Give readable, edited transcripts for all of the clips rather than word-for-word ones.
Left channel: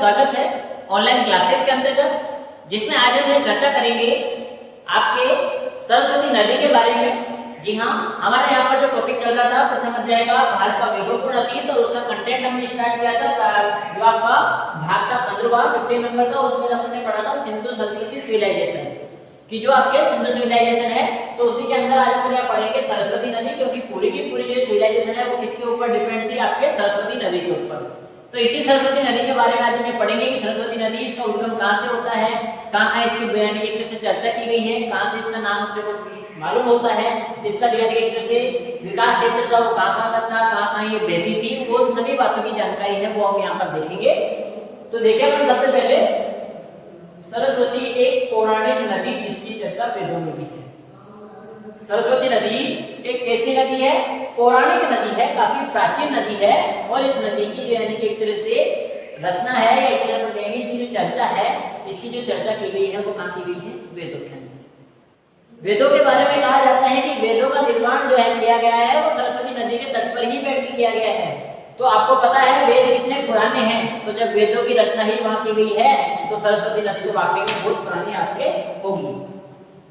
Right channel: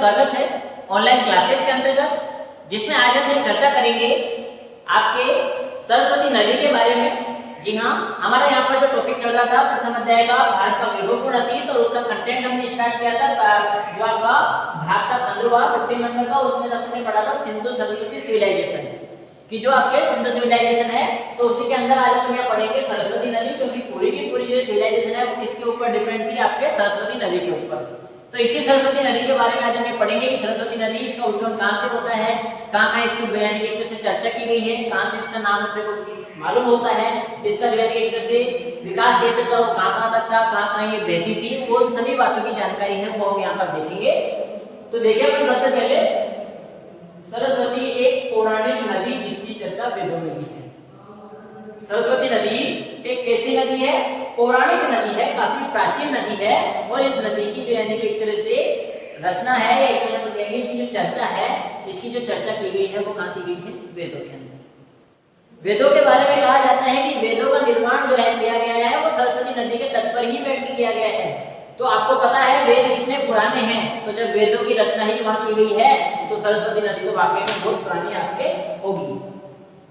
स्वागत है online classes के अंतर्गत, जिसमें आज हम ये चर्चा करेंगे आपके सरस्वती नदी के बारे में। जी हाँ, हमारा यहाँ पर जो टॉपिक चल रहा था प्रथम अध्याय का भारत का वैभवपूर्ण अतीत, तो उसका कंटेंट हमने स्टार्ट किया था जो आपका भाग का 15 नंबर का, उसमें हमने पढ़ा था सिंधु संस्कृति सिविलाइजेशन कि जो आपके सिंधु सिविलाइजेशन है, तो उसी के अंदर आज हम यहाँ पढ़ेंगे सरस्वती नदी, क्योंकि पूरी की पूरी जो सिविलाइजेशन है वो किसके ऊपर डिपेंड थी? आपके सरस्वती नदी के ऊपर। तो इसी सरस्वती नदी के बारे में आज हम पढ़ेंगे कि सरस्वती नदी, इसका उद्गम कहाँ से होता है, कहाँ इसकी यानी एक तरह से चर्चा की गई है, कहाँ से इसका नाम अपने को मालूम होता है, इसका जो यानी एक तरह से विकास क्षेत्र था वो कहाँ तक था, कहाँ ये बहती थी, वो सभी बातों की जानकारी है वो हम यहाँ पर देखेंगे। तो देखिए अपन सबसे पहले सरस्वती एक पौराणिक नदी जिसकी चर्चा वेदों में भी है। सरस्वती नदी एक कैसी नदी है? पौराणिक नदी है, काफी प्राचीन नदी है, और इस नदी की जो यानी कि एक तरह से रचना है या एक तरह से इसकी जो चर्चा है, इसकी जो चर्चा की गई है वो कहाँ की गई है? वेदों के अंदर। वेदों के बारे में कहा जाता है कि वेदों का निर्माण जो है किया गया है वो सरस्वती नदी के तट पर ही बैठ के किया गया है। तो आपको पता है वेद कितने पुराने हैं, तो जब वेदों की रचना ही वहां की गई है तो सरस्वती नदी तो वाकई में बहुत पुरानी आपके होगी।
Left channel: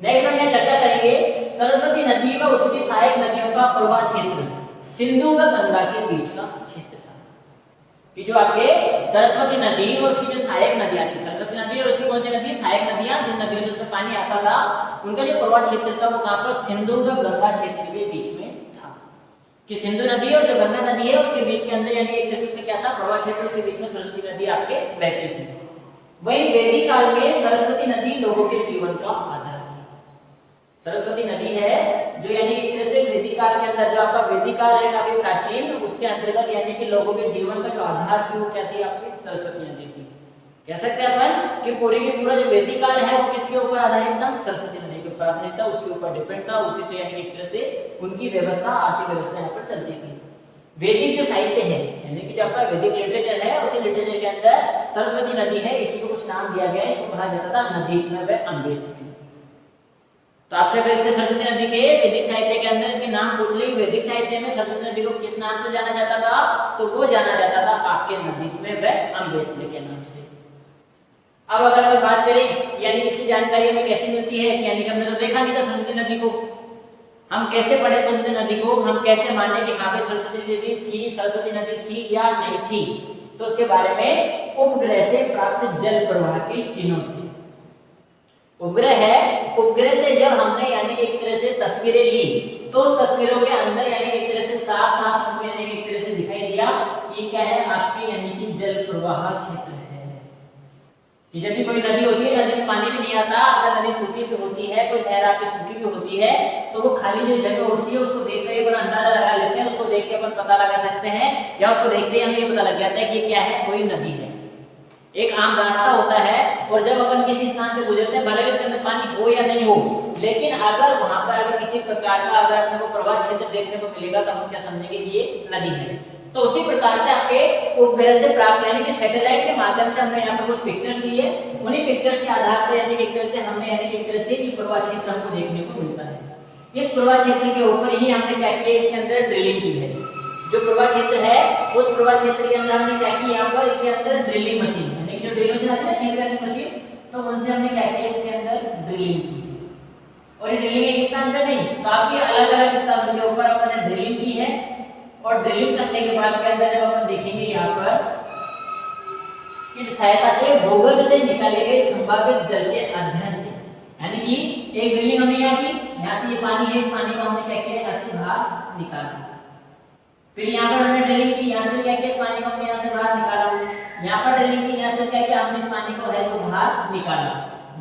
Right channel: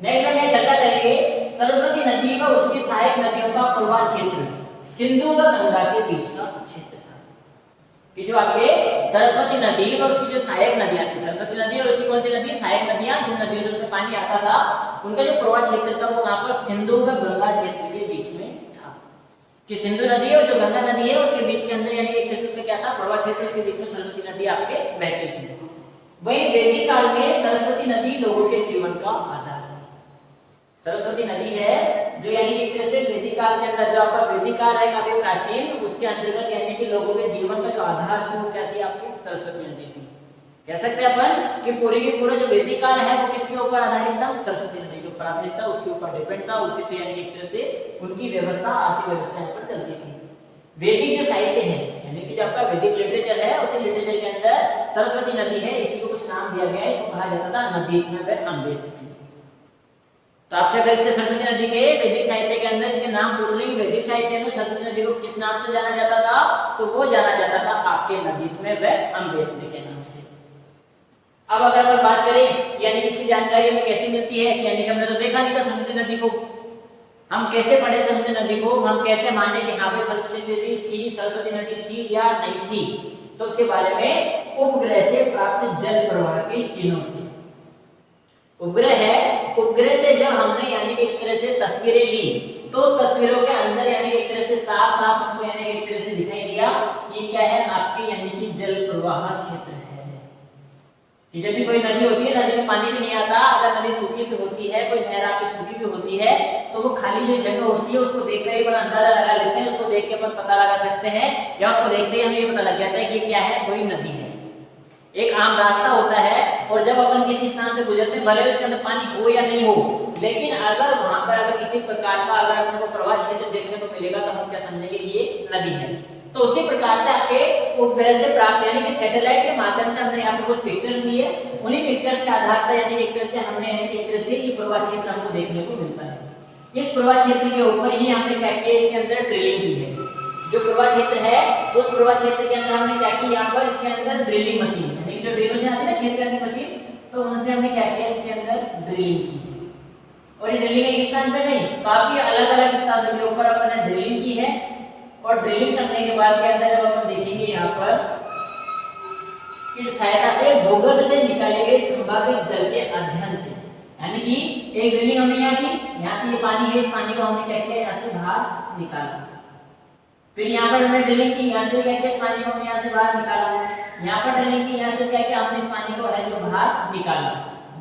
नेक्स्ट हम यहाँ चर्चा करेंगे सरस्वती नदी व उसकी सहायक नदियों का प्रवाह क्षेत्र सिंधु व गंगा के बीच का क्षेत्र था। कि जो आपके सरस्वती नदी व उसकी जो सहायक नदियां थी, सरस्वती नदी और उसकी कौन सी नदी? सहायक नदियां, जिन नदियों से उसमें पानी आता था उनका जो प्रवाह क्षेत्र था वो कहां पर? सिंधु व गंगा क्षेत्र के बीच में था। कि सिंधु नदी और जो गंगा नदी है उसके बीच के अंदर यानी एक तरह से क्या था? प्रवाह क्षेत्र, उसके बीच में सरस्वती नदी आपके बहती थी। वही वैदिक काल में सरस्वती नदी लोगों के जीवन का आधार है। सरस्वती नदी है जो यानी एक तरह से वैदिक काल के अंदर, जो आपका वैदिक काल है काफी प्राचीन, उसके अंतर्गत यानी कि लोगों के जीवन का जो आधार थी वो क्या थी? आपकी सरस्वती नदी थी। कह सकते हैं अपन कि पूरे की पूरा जो वैदिक काल है वो किसके ऊपर आधारित था? सरस्वती नदी के ऊपर आधारित था, उसके ऊपर डिपेंड था, उसी से यानी एक तरह से उनकी व्यवस्था, आर्थिक व्यवस्था यहाँ पर चलती थी। वैदिक जो साहित्य है यानी कि जो आपका वैदिक लिटरेचर है, उसी लिटरेचर के अंदर सरस्वती नदी है, इसी को कुछ नाम दिया गया है, इसको कहा जाता था नदी व अमृत। तो आपसे अगर इसके सरस्वती नदी के वैदिक साहित्य के अंदर इसके नाम पूछ लें, वैदिक साहित्य में सरस्वती नदी को किस नाम से जाना जाता था? तो वो जाना जाता था आपके नदी में व अमृत के नाम से। अब अगर हम बात करें यानी इसकी जानकारी हमें कैसे मिलती है कि यानी कि हमने तो देखा नहीं था सरस्वती नदी को, हम कैसे पढ़े सरस्वती नदी को, हम कैसे माने कि हाँ भाई सरस्वती नदी थी, सरस्वती नदी थी या नहीं थी? तो उसके बारे में उपग्रह से प्राप्त जल प्रवाह के चिन्हों से। उपग्रह है, उपग्रह से जब हमने यानी कि एक तरह से तस्वीरें ली तो उस तस्वीरों के अंदर यानी कि एक तरह से साफ साफ हमको यानी एक तरह से दिखाई दिया ये क्या है? आपकी यानी कि जल प्रवाह क्षेत्र है। कि जब भी कोई नदी होती है, नदी में पानी भी नहीं आता, अगर नदी सूखी भी होती है, कोई नहर आपकी सूखी भी होती है, तो वो खाली जो जगह होती है उसको देखकर एक बार अंदाजा लगा लेते हैं, उसको देख के अपन पता लगा सकते हैं, या उसको देखते ही हमें ये पता लग जाता है कि क्या है? कोई नदी है। एक आम रास्ता होता है और जब अपन किसी स्थान से गुजरते हैं, भले उसके अंदर पानी हो या नहीं हो, लेकिन अगर वहां पर अगर किसी प्रकार का अगर अपन को प्रवाह क्षेत्र देखने को मिलेगा तो हम क्या समझेंगे? ये नदी है। तो उसी प्रकार से आपके उपग्रह से प्राप्त यानी कि सैटेलाइट के माध्यम से हमने यहाँ पर कुछ पिक्चर्स लिए, उन्हीं पिक्चर्स के आधार पर यानी एक तरह से हमने यानी एक तरह से ये प्रवाह क्षेत्र हमको देखने को मिलता है। इस प्रवाह क्षेत्र के ऊपर ही हमने क्या किया? इसके अंदर ड्रिलिंग की है। जो प्रवाह क्षेत्र है उस प्रवाह क्षेत्र के अंदर हमने क्या किया? यहाँ पर इसके अंदर ड्रिलिंग मशीन यानी कि जो ड्रिल मशीन आती है ना, क्षेत्र मशीन, तो उनसे हमने क्या किया? इसके अंदर ड्रिलिंग की। और ये ड्रिलिंग एक स्थान पर नहीं, काफी अलग अलग स्थानों के ऊपर अपन ने ड्रिलिंग की है। और ड्रिलिंग करने के बाद के अंदर जब अपन देखेंगे यहाँ पर इस सहायता से भूगर्भ से निकाले गए संभावित जल के अध्ययन से, यानी कि एक ड्रिलिंग हमने यहाँ की, यहाँ से ये पानी है, इस पानी को हमने क्या किया? यहाँ से बाहर निकाला। फिर यहाँ पर हमने ड्रिलिंग की, यहाँ से क्या किया? इस पानी को हमने यहाँ से बाहर निकाला। यहाँ पर ड्रिलिंग की, यहाँ से क्या किया? हमने इस पानी को है जो बाहर निकाला।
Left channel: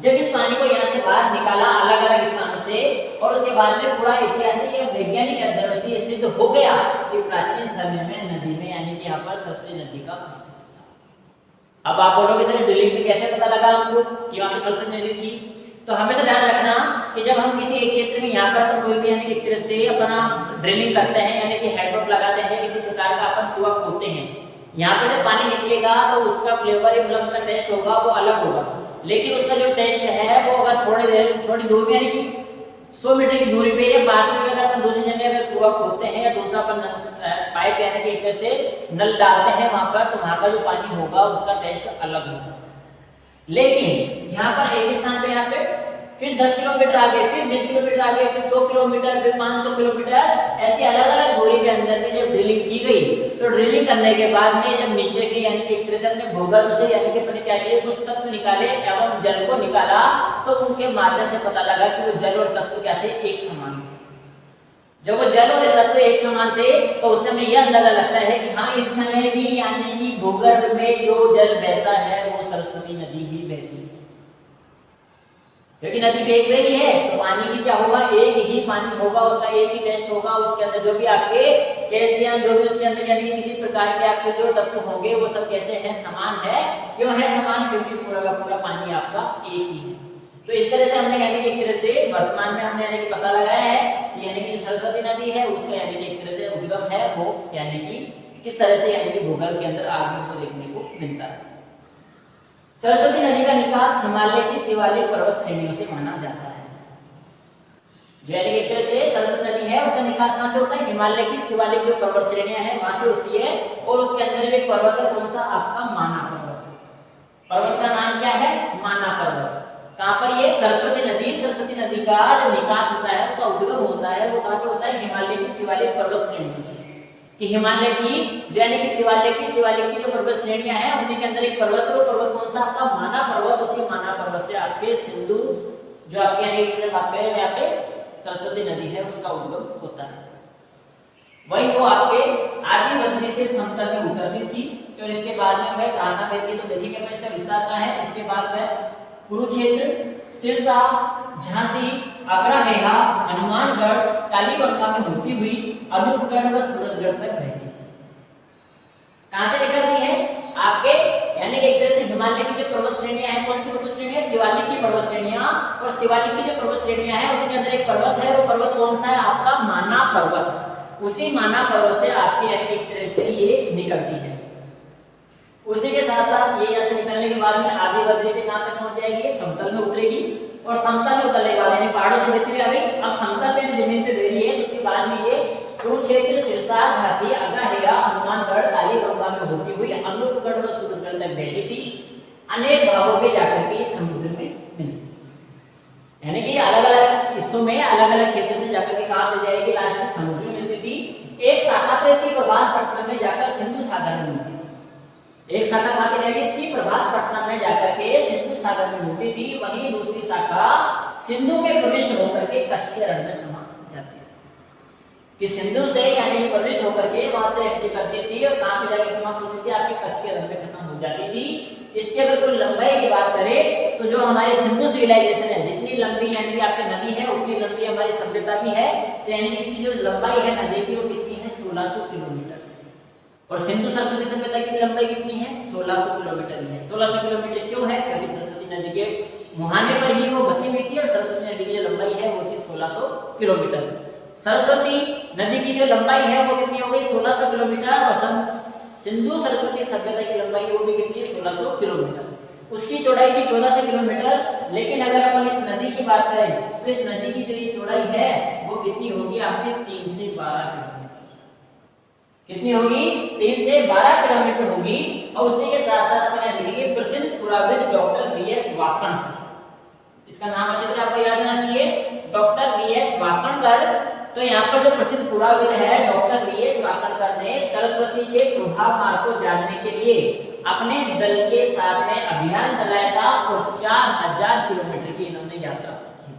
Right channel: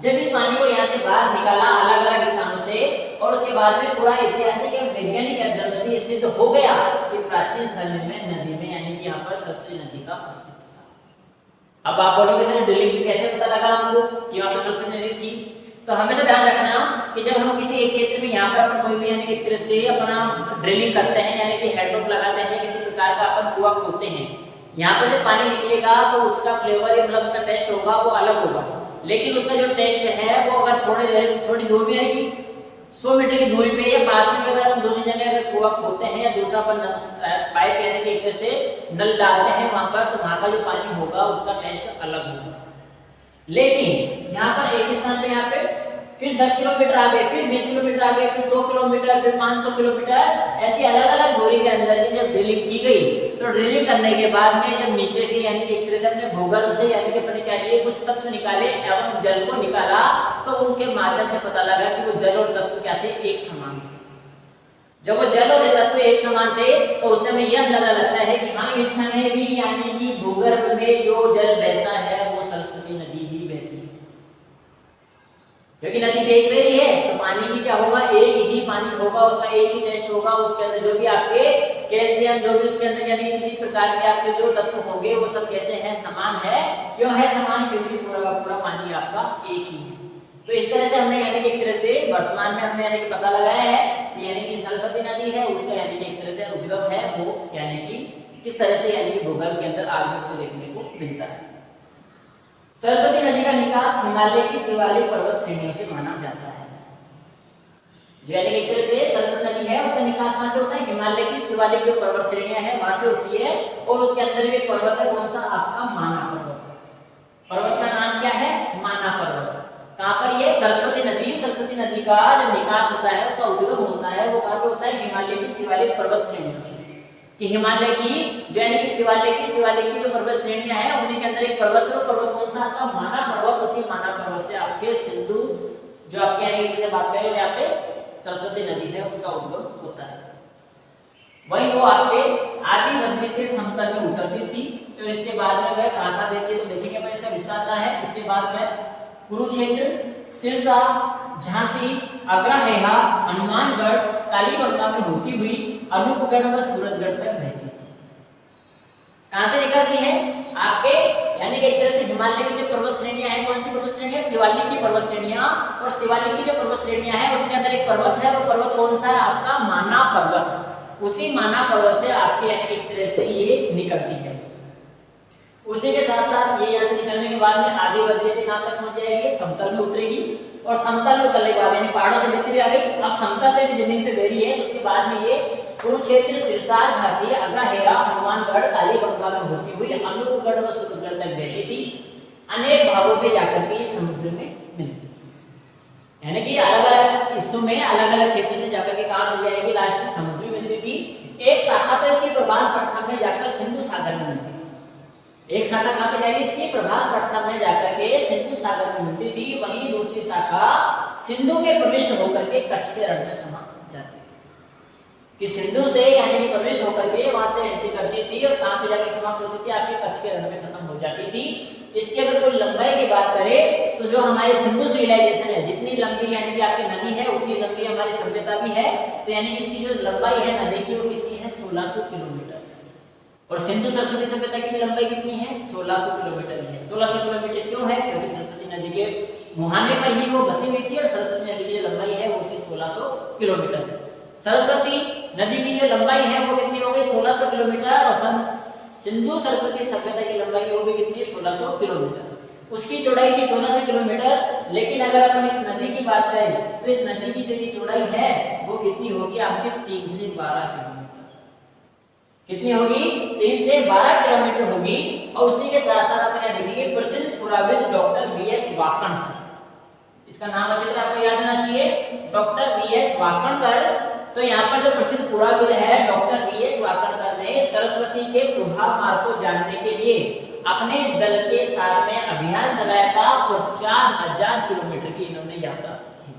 जब इस पानी को यहाँ से बाहर निकाला अलग अलग स्थानों से, और उसके बाद में पूरा ऐतिहासिक या वैज्ञानिक अध्ययन से सिद्ध हो गया कि प्राचीन समय में नदी में यानी कि यहाँ पर सरस्वती नदी का अस्तित्व था। अब आप बोलोगे सर ड्रिलिंग से कैसे पता लगा हमको कि वहाँ पर सरस्वती नदी थी? तो हमेशा ध्यान रखना कि जब हम किसी एक क्षेत्र में यहाँ पर अपन कोई भी यानी कि एक तरह से अपना ड्रिलिंग करते हैं यानी कि हेडपंप लगाते हैं, किसी प्रकार का अपन कुआं खोदते हैं, यहाँ पर जब पानी निकलेगा तो उसका फ्लेवर मतलब उसका टेस्ट होगा वो अलग होगा, लेकिन उसका जो टेस्ट है वो अगर थोड़ी दूर में यानी कि 100 मीटर की दूरी पे या पास में अगर अपन दूसरी जगह अगर कुआं खोदते हैं या दूसरा अपन पाइप यानी कि एक तरह से नल डालते हैं वहां पर, तो वहां का जो पानी होगा उसका टेस्ट अलग होगा। लेकिन यहाँ पर एक स्थान पे यहाँ पे फिर 10 किलोमीटर आगे, फिर 20 किलोमीटर आगे, फिर 100 किलोमीटर, फिर 500 किलोमीटर, ऐसी अलग अलग दूरी के अंदर की जब ड्रिलिंग की गई, तो ड्रिलिंग करने के बाद में जब नीचे की यानी कि एक तरह से अपने भूगर्भ से यानी कि अपने क्या किए कुछ तत्व निकाले एवं जल को निकाला, तो उनके माध्यम से पता लगा कि वो जल और तत्व क्या थे, एक समान थे। जब वो जल और तत्व एक समान थे तो उस समय यह अंदाजा लगता है कि हाँ इस समय भी यानी कि भूगर्भ में जो जल बहता है वो सरस्वती नदी ही बहती है। क्योंकि नदी बह रही है तो पानी की क्या होगा, एक ही पानी होगा, उसका एक ही टेस्ट होगा, उसके अंदर जो भी आपके कैल्शियम जो भी उसके अंदर यानी कि किसी प्रकार के आपके जो तत्व होंगे वो सब कैसे हैं, समान है। क्यों है समान, क्योंकि पूरा का पूरा पानी आपका एक ही है। तो इस तरह से हमने यानी कि एक तरह से वर्तमान में हमने यानी कि पता लगाया है कि यानी कि सरस्वती नदी है उसका यानी कि एक तरह से उद्गम है वो यानी कि किस तरह से यानी कि भूगर्भ के अंदर आज भी को देखने को मिलता है। सरस्वती नदी का निकास हिमालय की शिवालिक पर्वत श्रेणियों से माना जाता है। जो यानी कि एक तरह से सरस्वती नदी है उसका निकास कहां से होता है, हिमालय की शिवालिक जो पर्वत श्रेणियां हैं वहां से होती है। और उसके अंदर एक पर्वत है, कौन सा आपका माना पर्वत। पर्वत का नाम क्या है, माना पर्वत। कहां पर ये सरस्वती नदी का जो निकास होता है उसका उद्गम होता है वो कहां पे होता है, हिमालय की शिवालिक पर्वत श्रेणियों से। कि हिमालय की जो यानी कि शिवालिक की जो पर्वत श्रेणियां हैं उन्हीं के अंदर एक पर्वत है, वो पर्वत कौन सा आपका माना पर्वत। उसी माना पर्वत से आपके सिंधु जो आपके यहाँ बात करें यहाँ पे सरस्वती नदी है उसका उद्गम होता है। वही वो आपके आदि बद्री से समतल में उतरती थी और इसके बाद में वह कहां देती है, तो देखेंगे अपन इसका विस्तार क्या है। इसके बाद में कुरुक्षेत्र, सिरसा, झांसी, अग्रहारा, हनुमानगढ़, कालीबंगा में होती हुई अनूपगढ़ व सूरतगढ़ तक बहती थी। कहां से निकलती है आपके यानी कि एक तरह से हिमालय की जो पर्वत श्रेणियां हैं, कौन सी पर्वत श्रेणियां, शिवालिक की पर्वत श्रेणियां। और शिवालिक की जो पर्वत श्रेणियां हैं उसके अंदर एक पर्वत है, वो पर्वत कौन सा है आपका माना पर्वत। उसी माना पर्वत से आपके यानी एक तरह से ये निकलती है। उसी के साथ साथ ये यहाँ से निकलने के बाद में आगे बद्री से कहां तक पहुंच जाएगी, समतल में उतरेगी। और समतल में उतरने के बाद यानी पहाड़ों से बहती हुई आ गई, अब समतल पे जमीन पे दे रही है। उसके बाद में ये कुरुक्षेत्र, सिरसा, झांसी, अग्रहारा, हनुमानगढ़, कालीबंगा में होती हुई अनूपगढ़ व सूरतगढ़ तक बहती थी। अनेक भागों पे जाकर के समुद्र में मिलती, यानी कि अलग अलग हिस्सों में अलग अलग क्षेत्र से जाकर के कहां मिल जाएगी, लास्ट में समुद्र में मिलती थी। एक शाखा तो इसकी प्रभास पटना में जाकर सिंधु सागर में मिलती थी। एक शाखा कहां पे जाएगी, इसकी प्रभास पटना में जाकर के सिंधु सागर में मिलती थी। वहीं दूसरी शाखा सिंधु के प्रविष्ट होकर के कच्छ के रण में समा जाती थी। कि सिंधु से यानी कि प्रविष्ट होकर के वहां से एंट्री करती थी और कहां पे जाके समाप्त होती थी, आपके कच्छ के रण में खत्म हो जाती थी। इसकी अगर कोई लंबाई की बात करें तो जो हमारे सिंधु सिविलाइजेशन है, जितनी लंबी यानी कि आपकी नदी है उतनी लंबी हमारी सभ्यता भी है। तो यानी कि इसकी जो लंबाई है नदी की वो कितनी है, 1600 किलोमीटर। और सिंधु सरस्वती सभ्यता की लंबाई कितनी है, 1600 किलोमीटर ही है। 1600 किलोमीटर क्यों है, क्योंकि सरस्वती नदी के मुहाने पर ही वो बसी हुई थी और सरस्वती नदी की जो लंबाई है वो थी 1600 किलोमीटर। सरस्वती नदी की जो लंबाई है वो कितनी हो गई, 1600 किलोमीटर। और सिंधु सरस्वती सभ्यता की लंबाई वो भी कितनी है, 1600 किलोमीटर। उसकी चौड़ाई थी 1400 किलोमीटर। लेकिन अगर अपन इस नदी की बात करें तो इस नदी की जो ये चौड़ाई है वो कितनी होगी आपके 3 से 12 किलोमीटर। कितनी होगी, 3 से 12 किलोमीटर होगी। और उसी के साथ साथ अपन देखेंगे प्रसिद्ध पुराविद डॉक्टर वी.एस. वाकणकर, इसका नाम अच्छी तरह आपको याद होना चाहिए, डॉक्टर वी.एस. वाकणकर। तो यहाँ पर जो प्रसिद्ध पुराविद है डॉक्टर वी.एस. वाकणकर ने सरस्वती के प्रभाव मार्ग को जानने के लिए अपने दल के साथ में अभियान चलाया था और 4000 किलोमीटर की इन्होंने यात्रा की।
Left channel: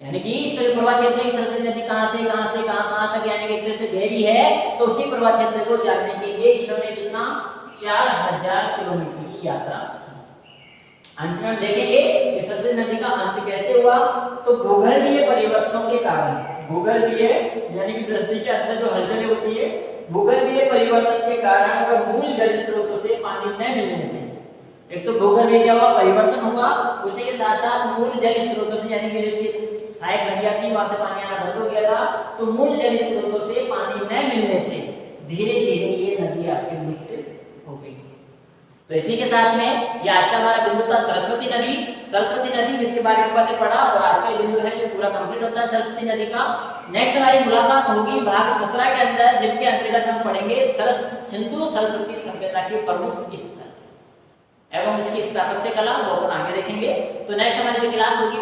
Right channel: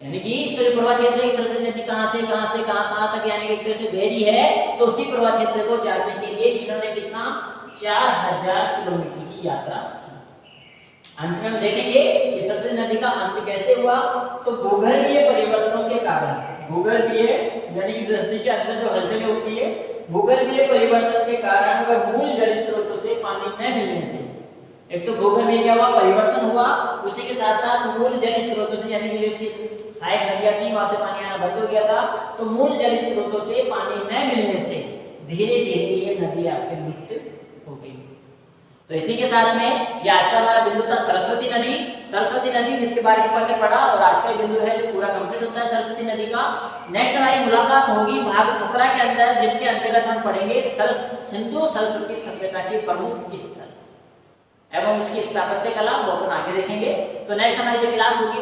यानी कि इस तरह प्रवाह क्षेत्र की सरस्वती नदी कहां से कहां तक यानी कि एक तरह से गहरी है, तो उसी प्रवाह क्षेत्र को जानने के लिए इन्होंने कितना 4000 किलोमीटर की यात्रा की। अंत में हम देखेंगे कि सरस्वती नदी का अंत कैसे हुआ। तो भूगर्भीय परिवर्तनों के कारण, भूगर्भीय यानी कि धरती के अंदर जो हलचलें होती है, भूगर्भीय परिवर्तन के कारण वह मूल जल स्रोतों से पानी न मिलने से, एक तो भूगर्भीय क्या हुआ, परिवर्तन हुआ, उसी के साथ साथ मूल जल स्रोतों से यानी कि जो सहायक नदियां थी वहां से पानी आना बंद हो गया था। तो मूल जल स्रोतों से पानी न मिलने से धीरे धीरे ये नदी आपके मृत हो गई। तो तो इसी के साथ में ये आज का हमारा बिंदु था सरस्वती नदी। सरस्वती नदी जिसके बारे में अपन ने पढ़ा, और आज का बिंदु है जो पूरा कंप्लीट होता है सरस्वती नदी का। नेक्स्ट हमारी मुलाकात होगी भाग 17 के अंदर, जिसके अंतर्गत हम पढ़ेंगे सिंधु सरस्वती सभ्यता के प्रमुख स्थल एवं इसकी स्थापत्य कला, वो अपन आगे देखेंगे। तो नेक्स्ट हमारी जो क्लास होगी